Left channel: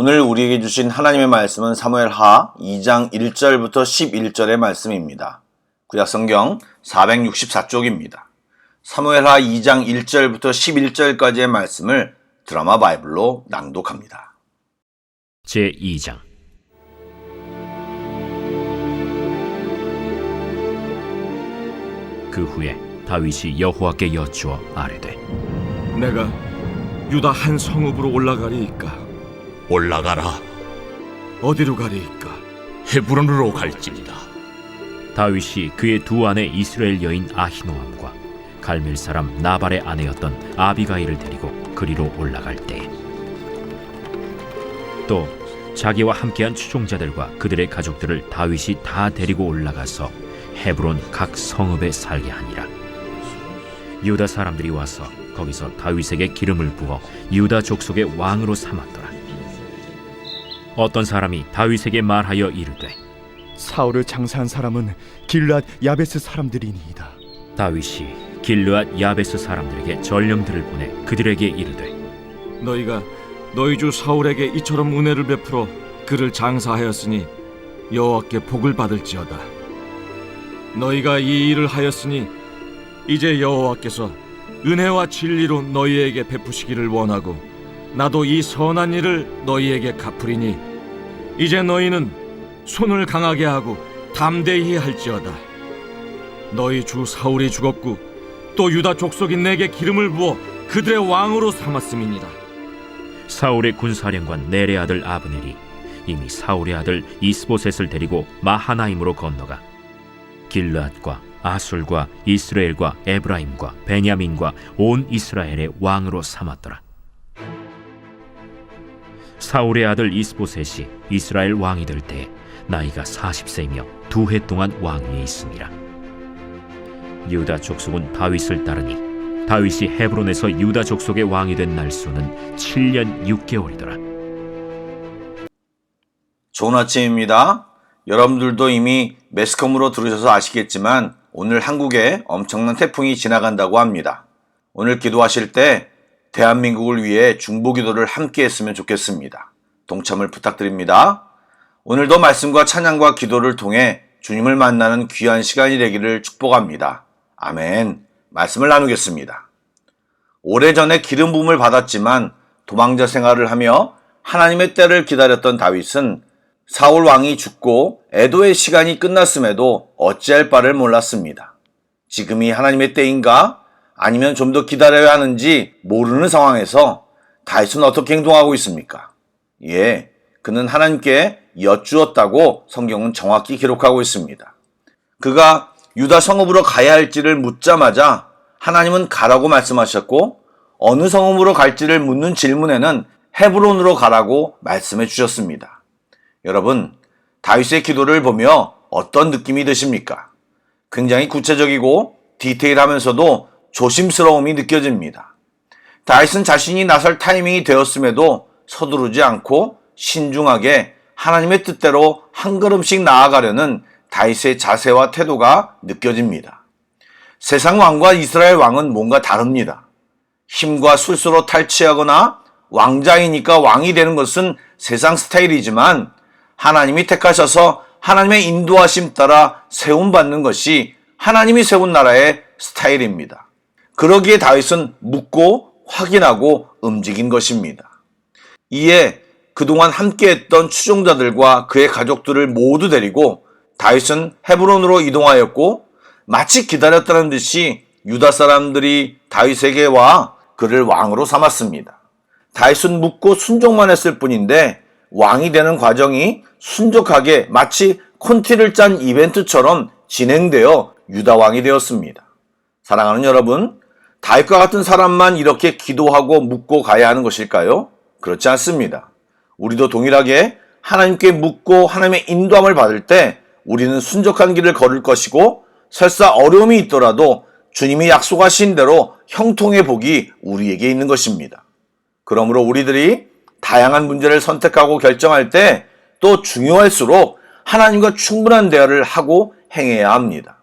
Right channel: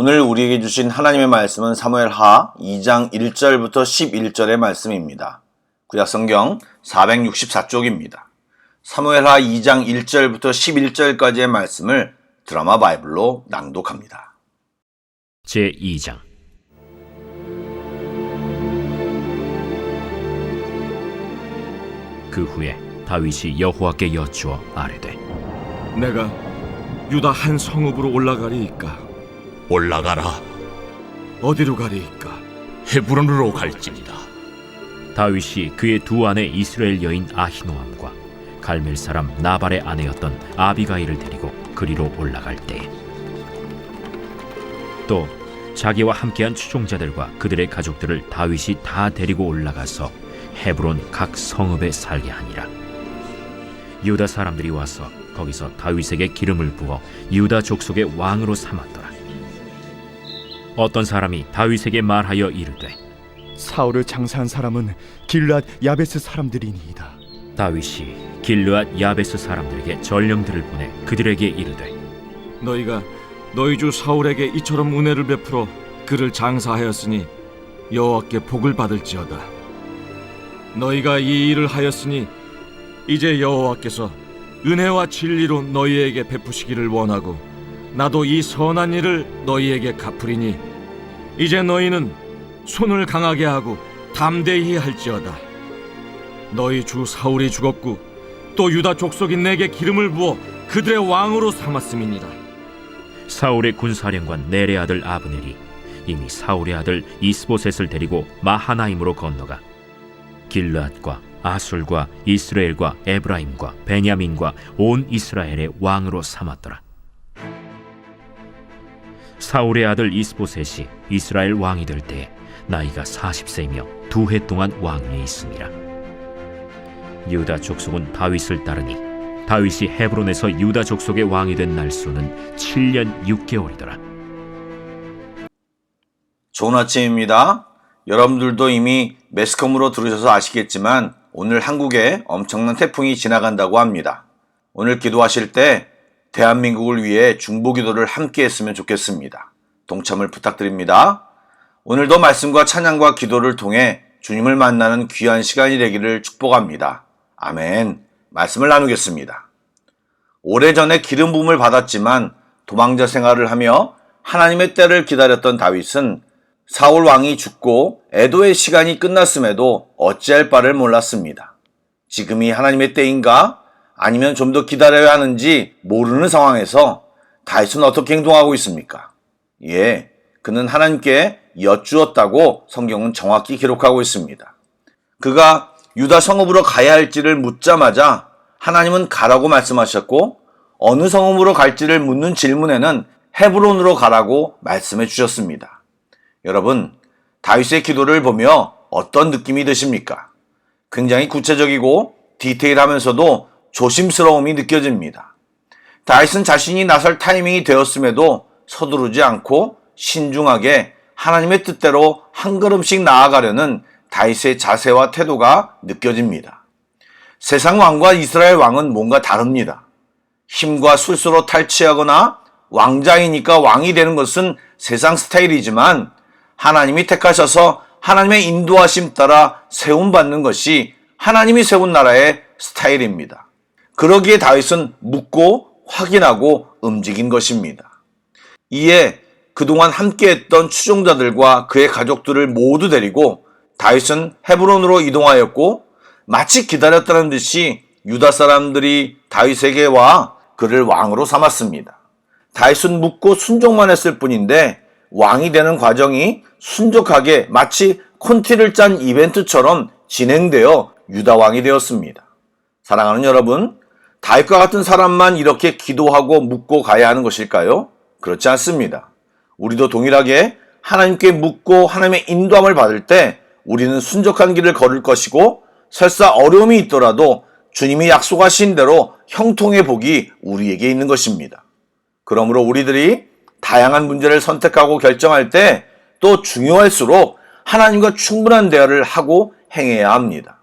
오늘 우리에게 주신 하나님의 말씀은 사무엘하 2장 1절부터 11절의 말씀입니다. 구약성경 464쪽입니다. 사무엘하 2장 1절부터 11절까지의 말씀을 드라마 바이블로 낭독합니다. 제2장. 그 후에 다윗이 여호와께 여쭈어 아뢰되, 내가 유다 한 성읍으로 올라가리이까? 올라가라. 어디로 가리이까? 헤브론으로 갈지니라. 다윗이 그의 두 아내 이스라엘 여인 아히노암과 갈멜 사람 나발의 아내였던 아비가일을 데리고 그리로 올라갈 때에 또 자기와 함께한 추종자들과 그들의 가족들을 다윗이 다 데리고 올라가서 헤브론 각 성읍에 살게 하니라. 유다 사람들이 와서 거기서 다윗에게 기름을 부어 유다 족속의 왕으로 삼았더라. 어떤 사람이 다윗에게 말하여 이르되, 사울을 장사한 사람은 길르앗 야베스 사람들이니이다. 다윗이 길르앗 야베스 사람들에게 전령들을 보내 그들에게 이르되, 너희가 너희 주 사울에게 이처럼 은혜를 베풀어 그를 장사하였으니 여호와께 복을 받을지어다. 너희가 이 일을 하였으니 이제 여호와께서 은혜와 진리로 너희에게 베푸시기를 원하고 나도 이 선한 일을 너희에게 갚으리니 이제 너희는 손을 강하게 하고 담대히 할지어다. 너희 주 사울이 죽었고 또 유다 족속이 내게 기름을 부어 그들의 왕으로 삼았음이니라. 사울의 군사령관 넬의 아들 아브넬이 이미 사울의 아들 이스보셋을 데리고 마하나임으로 건너가 길르앗과 아술과 이스라엘과 에브라임과 베냐민과 온 이스라엘의 왕으로 삼았더라. 사울의 아들 이스보셋이 이스라엘 왕이 될 때 나이가 40세이며 2해 동안 왕위에 있으니라. 유다 족속은 다윗을 따르니 다윗이 헤브론에서 유다 족속의 왕이 된 날수는 7년 6개월이더라. 좋은 아침입니다. 여러분들도 이미 매스컴으로 들으셔서 아시겠지만 오늘 한국에 엄청난 태풍이 지나간다고 합니다. 오늘 기도하실 때 대한민국을 위해 중보기도를 함께 했으면 좋겠습니다. 동참을 부탁드립니다. 오늘도 말씀과 찬양과 기도를 통해 주님을 만나는 귀한 시간이 되기를 축복합니다. 아멘. 말씀을 나누겠습니다. 오래전에 기름 부음을 받았지만 도망자 생활을 하며 하나님의 때를 기다렸던 다윗은 사울 왕이 죽고 애도의 시간이 끝났음에도 어찌할 바를 몰랐습니다. 지금이 하나님의 때인가? 아니면 좀 더 기다려야 하는지 모르는 상황에서 다윗은 어떻게 행동하고 있습니까? 예, 그는 하나님께 여쭈었다고 성경은 정확히 기록하고 있습니다. 그가 유다 성읍으로 가야 할지를 묻자마자 하나님은 가라고 말씀하셨고 어느 성읍으로 갈지를 묻는 질문에는 헤브론으로 가라고 말씀해 주셨습니다. 여러분, 다윗의 기도를 보며 어떤 느낌이 드십니까? 굉장히 구체적이고 디테일하면서도 조심스러움이 느껴집니다. 다윗은 자신이 나설 타이밍이 되었음에도 서두르지 않고 신중하게 하나님의 뜻대로 한 걸음씩 나아가려는 다윗의 자세와 태도가 느껴집니다. 세상 왕과 이스라엘 왕은 뭔가 다릅니다. 힘과 술수로 탈취하거나 왕자이니까 왕이 되는 것은 세상 스타일이지만 하나님이 택하셔서 하나님의 인도하심 따라 세움받는 것이 하나님이 세운 나라의 스타일입니다. 그러기에 다윗은 묻고 확인하고 움직인 것입니다. 이에 그동안 함께했던 추종자들과 그의 가족들을 모두 데리고 다윗은 헤브론으로 이동하였고 마치 기다렸다는 듯이 유다 사람들이 다윗에게 와 그를 왕으로 삼았습니다. 다윗은 묻고 순종만 했을 뿐인데 왕이 되는 과정이 순적하게 마치 콘티를 짠 이벤트처럼 진행되어 유다 왕이 되었습니다. 사랑하는 여러분, 다윗과 같은 사람만 이렇게 기도하고 묻고 가야 하는 것일까요? 그렇지 않습니다. 우리도 동일하게 하나님께 묻고 하나님의 인도함을 받을 때 우리는 순적한 길을 걸을 것이고 설사 어려움이 있더라도 주님이 약속하신 대로 형통의 복이 우리에게 있는 것입니다. 그러므로 우리들이 다양한 문제를 선택하고 결정할 때 또 중요할수록 하나님과 충분한 대화를 하고 행해야 합니다.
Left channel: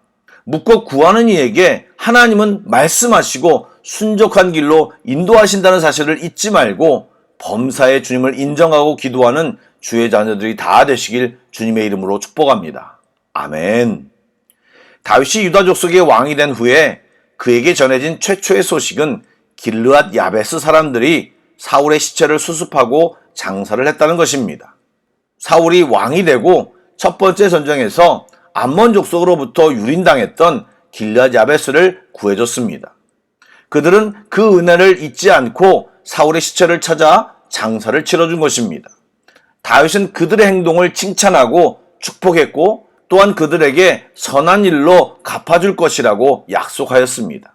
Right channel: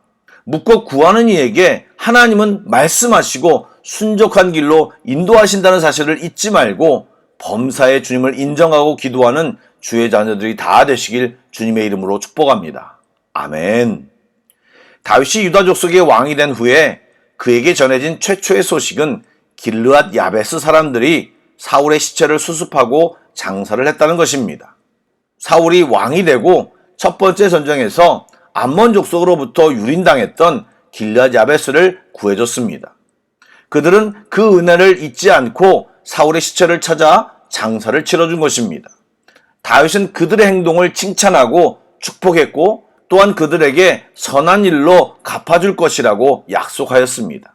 묻고 구하는 이에게 하나님은 말씀하시고 순적한 길로 인도하신다는 사실을 잊지 말고 범사에 주님을 인정하고 기도하는 주의 자녀들이 다 되시길 주님의 이름으로 축복합니다. 아멘. 다윗이 유다 족속의 왕이 된 후에 그에게 전해진 최초의 소식은 길르앗 야베스 사람들이 사울의 시체를 수습하고 장사를 했다는 것입니다. 사울이 왕이 되고 첫 번째 전쟁에서 암몬 족속으로부터 유린당했던 길르앗 야베스를 구해줬습니다. 그들은 그 은혜를 잊지 않고 사울의 시체를 찾아 장사를 치러준 것입니다. 다윗은 그들의 행동을 칭찬하고 축복했고 또한 그들에게 선한 일로 갚아줄 것이라고 약속하였습니다.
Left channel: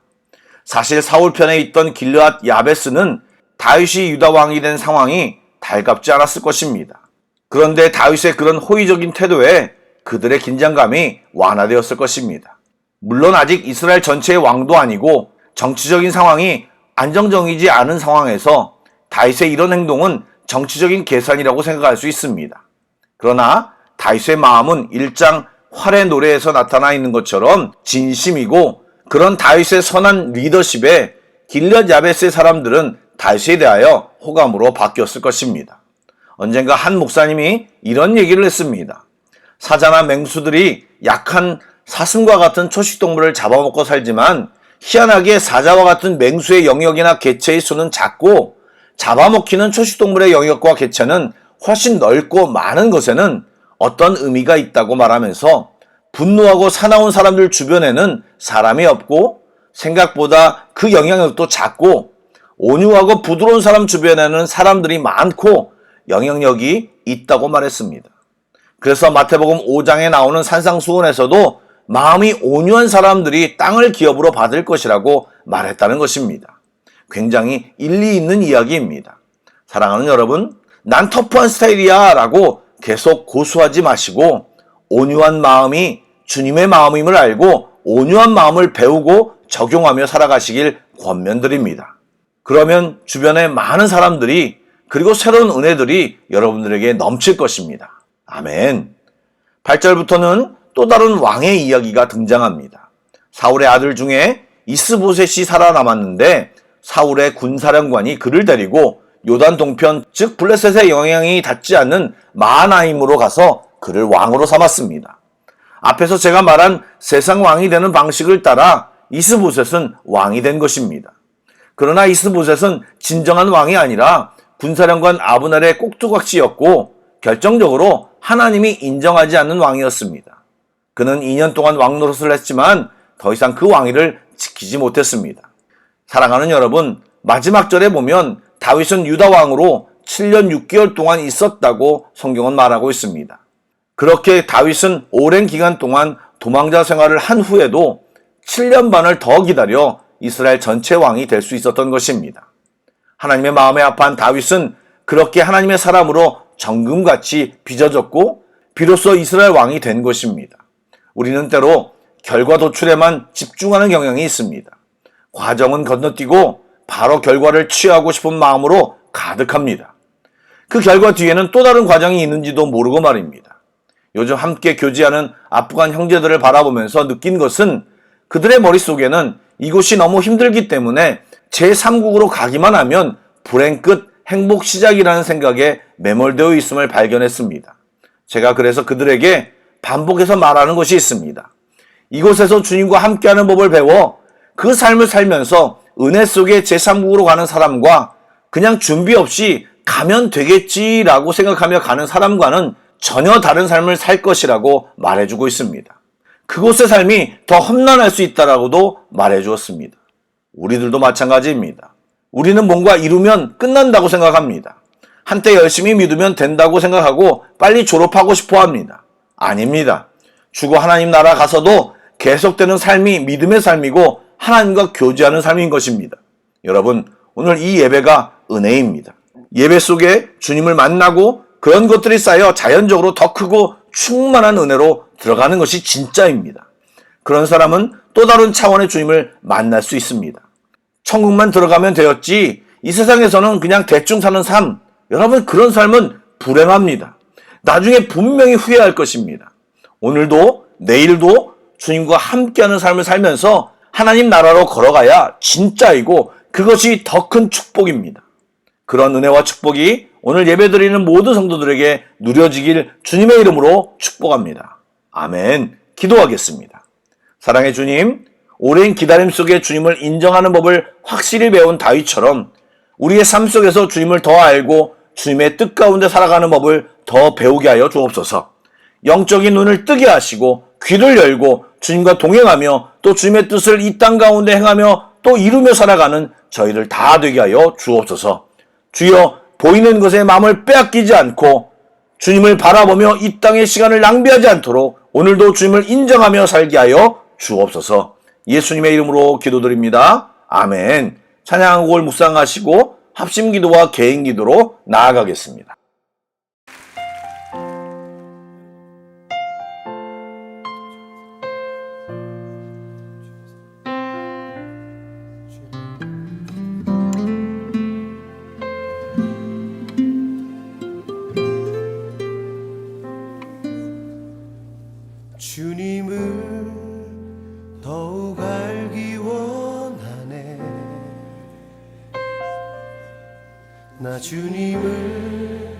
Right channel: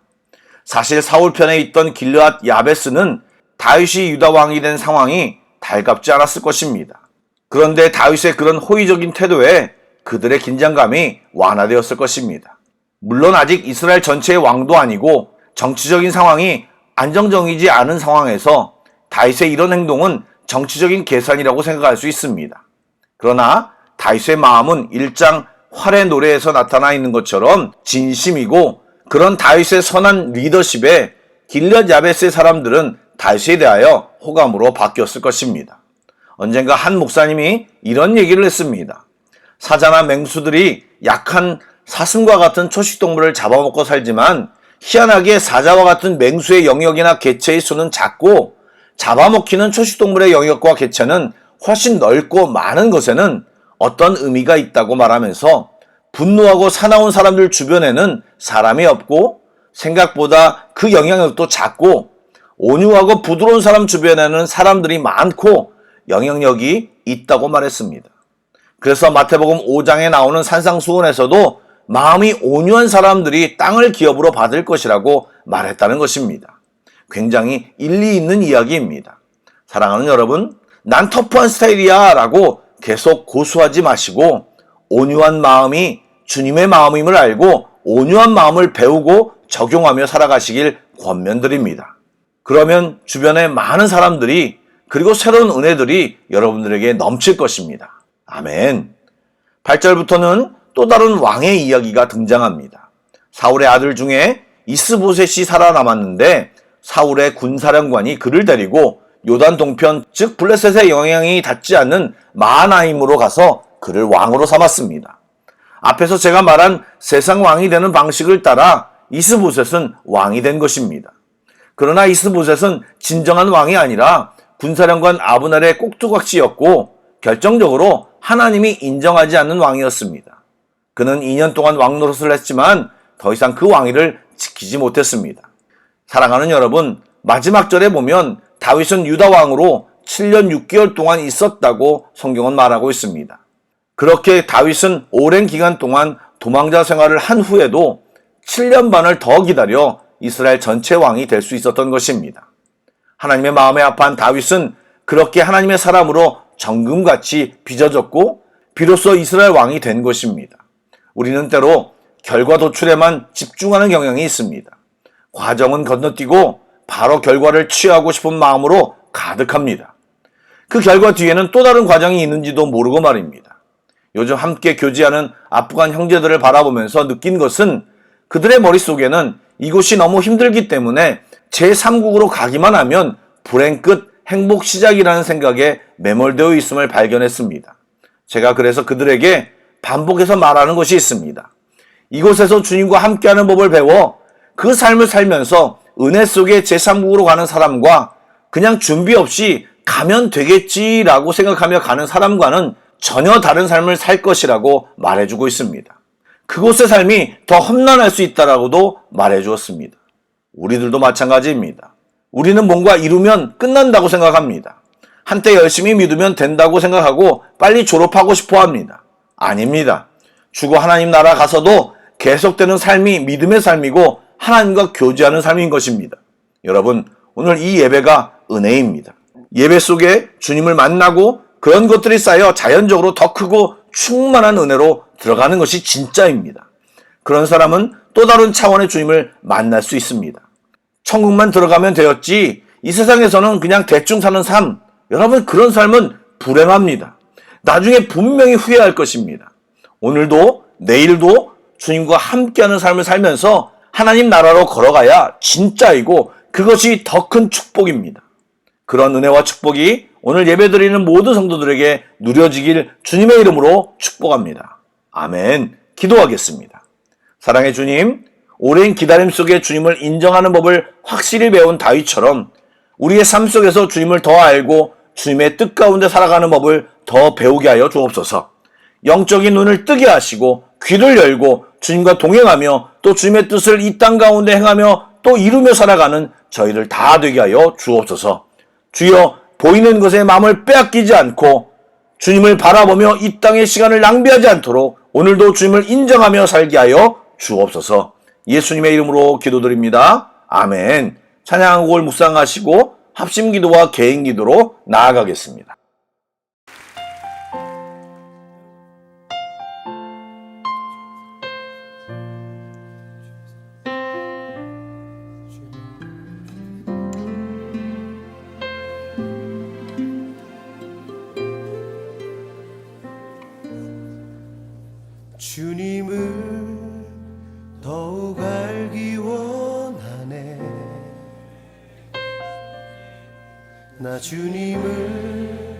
사실 사울 편에 있던 길르앗 야베스는 다윗이 유다 왕이 된 상황이 달갑지 않았을 것입니다. 그런데 다윗의 그런 호의적인 태도에 그들의 긴장감이 완화되었을 것입니다. 물론 아직 이스라엘 전체의 왕도 아니고 정치적인 상황이 안정적이지 않은 상황에서 다윗의 이런 행동은 정치적인 계산이라고 생각할 수 있습니다. 그러나 다윗의 마음은 1장 활의 노래에서 나타나 있는 것처럼 진심이고 그런 다윗의 선한 리더십에 길르앗 야베스의 사람들은 다윗에 대하여 호감으로 바뀌었을 것입니다. 언젠가 한 목사님이 이런 얘기를 했습니다. 사자나 맹수들이 약한 사슴과 같은 초식동물을 잡아먹고 살지만 희한하게 사자와 같은 맹수의 영역이나 개체의 수는 작고 잡아먹히는 초식동물의 영역과 개체는 훨씬 넓고 많은 것에는 어떤 의미가 있다고 말하면서 분노하고 사나운 사람들 주변에는 사람이 없고 생각보다 그 영향력도 작고 온유하고 부드러운 사람 주변에는 사람들이 많고 영향력이 있다고 말했습니다. 그래서 마태복음 5장에 나오는 산상수훈에서도 마음이 온유한 사람들이 땅을 기업으로 받을 것이라고 말했다는 것입니다. 굉장히 일리 있는 이야기입니다. 사랑하는 여러분, 난 터프한 스타일이야 라고 계속 고수하지 마시고 온유한 마음이 주님의 마음임을 알고 온유한 마음을 배우고 적용하며 살아가시길 권면드립니다. 그러면 주변에 많은 사람들이 그리고 새로운 은혜들이 여러분들에게 넘칠 것입니다. 아멘. 8절부터는 또 다른 왕의 이야기가 등장합니다. 사울의 아들 중에 이스보셋이 살아남았는데 사울의 군사령관이 그를 데리고 요단 동편 즉 블레셋의 영향이 닿지 않는 마하나임으로 가서 그를 왕으로 삼았습니다. 앞에서 제가 말한 세상 왕이 되는 방식을 따라 이스보셋은 왕이 된 것입니다. 그러나 이스보셋은 진정한 왕이 아니라 군사령관 아브넬의 꼭두각시였고 결정적으로 하나님이 인정하지 않는 왕이었습니다. 그는 2년 동안 왕 노릇을 했지만 더 이상 그 왕위를 지키지 못했습니다. 사랑하는 여러분, 마지막 절에 보면 다윗은 유다 왕으로 7년 6개월 동안 있었다고 성경은 말하고 있습니다. 그렇게 다윗은 오랜 기간 동안 도망자 생활을 한 후에도 7년 반을 더 기다려 이스라엘 전체 왕이 될 수 있었던 것입니다. 하나님의 마음에 합한 다윗은 그렇게 하나님의 사람으로 정금같이 빚어졌고 비로소 이스라엘 왕이 된 것입니다. 우리는 때로 결과 도출에만 집중하는 경향이 있습니다. 과정은 건너뛰고 바로 결과를 취하고 싶은 마음으로 가득합니다. 그 결과 뒤에는 또 다른 과정이 있는지도 모르고 말입니다. 요즘 함께 교제하는 아프간 형제들을 바라보면서 느낀 것은 그들의 머릿속에는 이곳이 너무 힘들기 때문에 제3국으로 가기만 하면 불행 끝 행복 시작이라는 생각에 매몰되어 있음을 발견했습니다. 제가 그래서 그들에게 반복해서 말하는 것이 있습니다. 이곳에서 주님과 함께하는 법을 배워 그 삶을 살면서 은혜 속에 제3국으로 가는 사람과 그냥 준비 없이 가면 되겠지라고 생각하며 가는 사람과는 전혀 다른 삶을 살 것이라고 말해주고 있습니다. 그곳의 삶이 더 험난할 수 있다라고도 말해주었습니다. 우리들도 마찬가지입니다. 우리는 뭔가 이루면 끝난다고 생각합니다. 한때 열심히 믿으면 된다고 생각하고 빨리 졸업하고 싶어 합니다. 아닙니다. 죽어 하나님 나라 가서도 계속되는 삶이 믿음의 삶이고 하나님과 교제하는 삶인 것입니다. 여러분, 오늘 이 예배가 은혜입니다. 예배 속에 주님을 만나고 그런 것들이 쌓여 자연적으로 더 크고 충만한 은혜로 들어가는 것이 진짜입니다. 그런 사람은 또 다른 차원의 주님을 만날 수 있습니다. 천국만 들어가면 되었지 이 세상에서는 그냥 대충 사는 삶, 여러분 그런 삶은 불행합니다. 나중에 분명히 후회할 것입니다. 오늘도 내일도 주님과 함께하는 삶을 살면서 하나님 나라로 걸어가야 진짜이고 그것이 더 큰 축복입니다. 그런 은혜와 축복이 오늘 예배드리는 모든 성도들에게 누려지길 주님의 이름으로 축복합니다. 아멘. 기도하겠습니다. 사랑의 주님, 오랜 기다림 속에 주님을 인정하는 법을 확실히 배운 다윗처럼 우리의 삶 속에서 주님을 더 알고 주님의 뜻 가운데 살아가는 법을 더 배우게 하여 주옵소서. 영적인 눈을 뜨게 하시고 귀를 열고 주님과 동행하며 또 주님의 뜻을 이 땅 가운데 행하며 또 이루며 살아가는 저희를 다 되게 하여 주옵소서. 주여, 보이는 것에 마음을 빼앗기지 않고 주님을 바라보며 이 땅의 시간을 낭비하지 않도록 오늘도 주님을 인정하며 살게 하여 주옵소서. 예수님의 이름으로 기도드립니다. 아멘. 찬양곡을 묵상하시고 합심기도와 개인기도로 나아가겠습니다. 주님을 더욱 알기 원하네. 나 주님을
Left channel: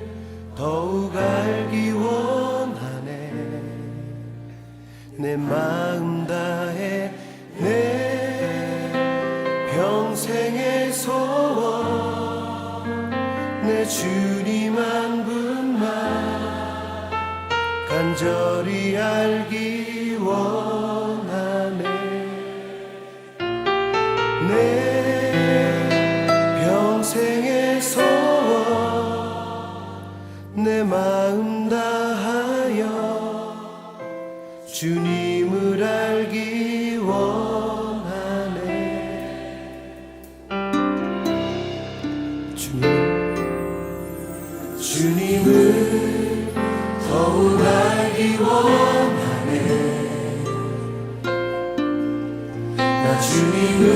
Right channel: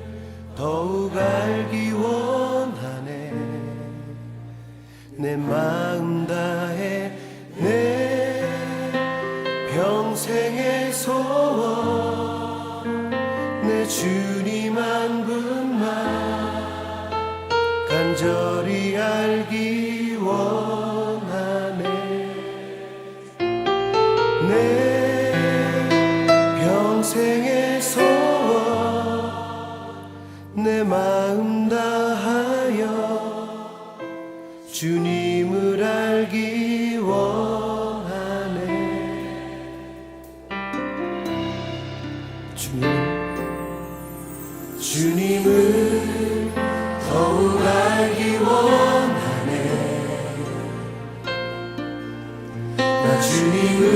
더욱 알기 원하네. 내 마음 다해 내 평생의 소원 내 주님 한 분만 간절히 알기 원하네. 내 평생의 소원 내 마음 다하여 주님을 알기 원하네. 주님을 더욱 알기 원하네. 나 주님을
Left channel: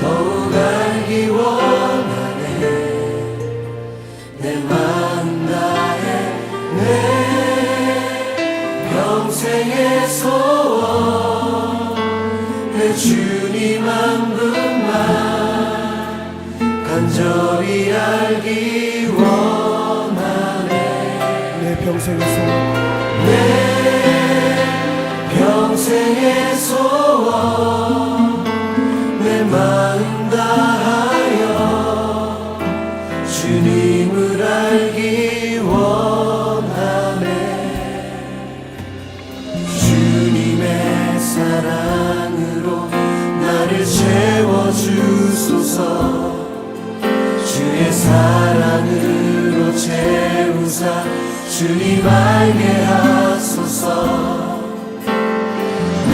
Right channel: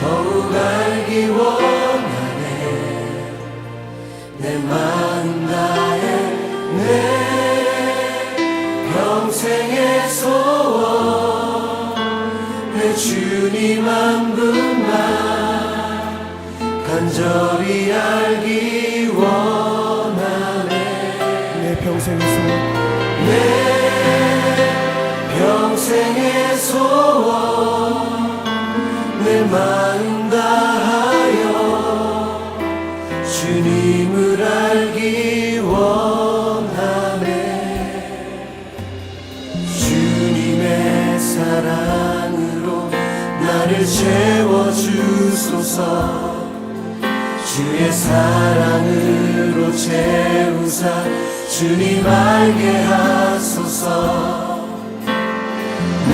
더욱 알기 원하네. 내 마음 다해 내 평생의 소원 내 주님 한 분만 간절히 알기 원하네. 내 평생의 소원 내 평생의 소원 내 마음 다하여 주님을 알기 원하네. 주님의 사랑으로 나를 채워주소서. 주의 사랑으로 채우사 주님 알게 하소서.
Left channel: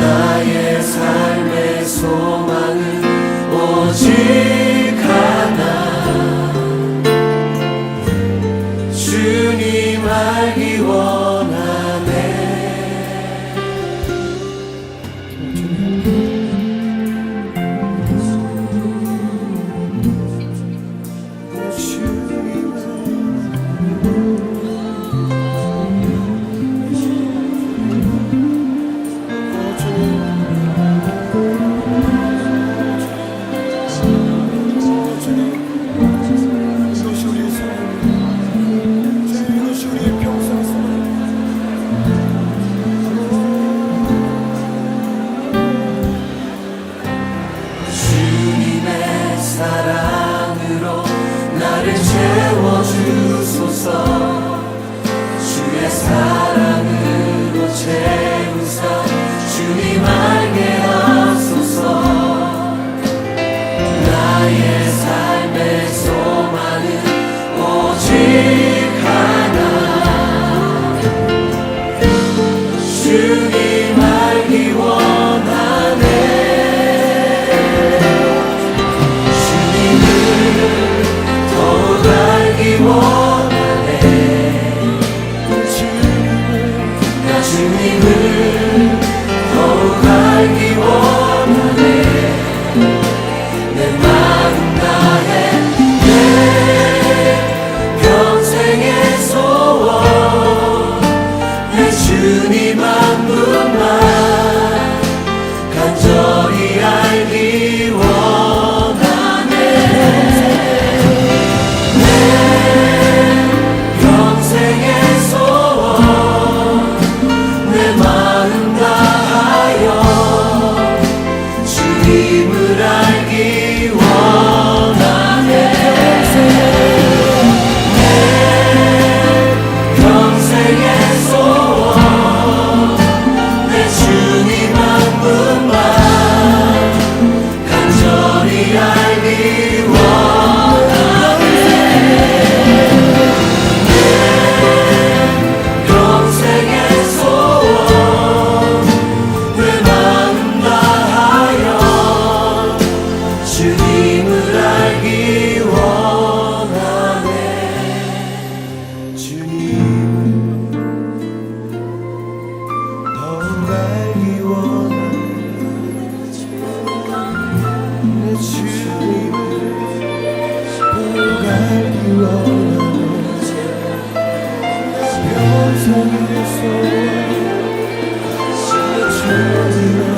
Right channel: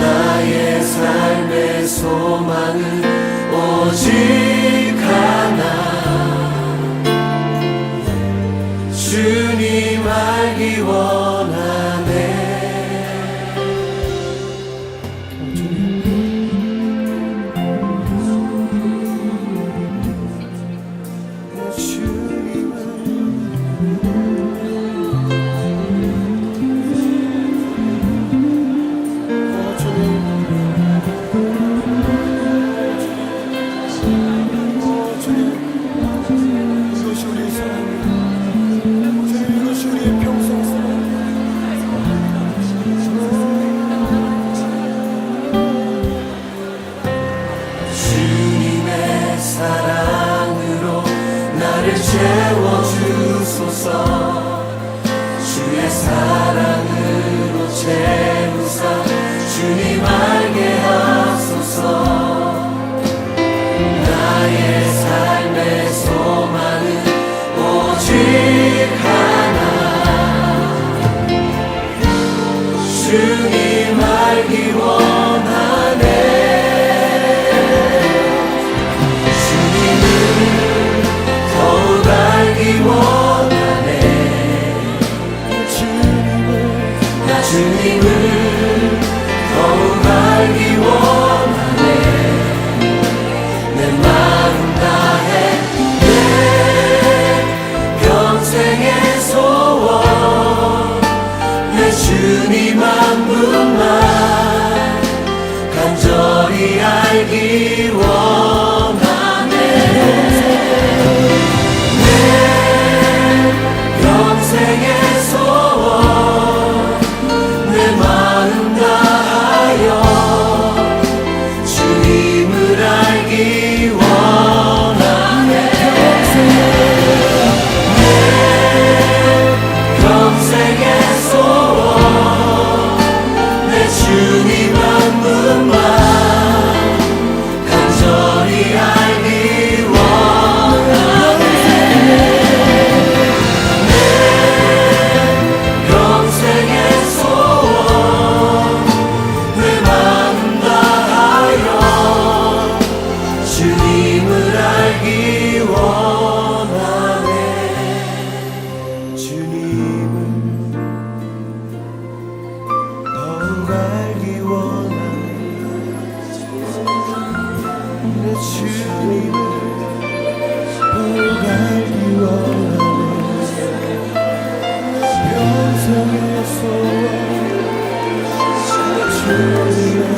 나의 삶의 소망은 오직 하나. 주님 알기 원하네. 사랑으로 나를 채워주소서. 주의 사랑으로 채우사 주님 알게 하소서. 나의 삶의 소망은 오직 하나. 주님 알기 원하네. 주님을 더욱 알기 원하네. 내 마음 다해 내 평생의 소원 내 주님 한 분만 간절히 알기 원하네. 주님을 보고 갈기 원하네. 평생의 소원 주님을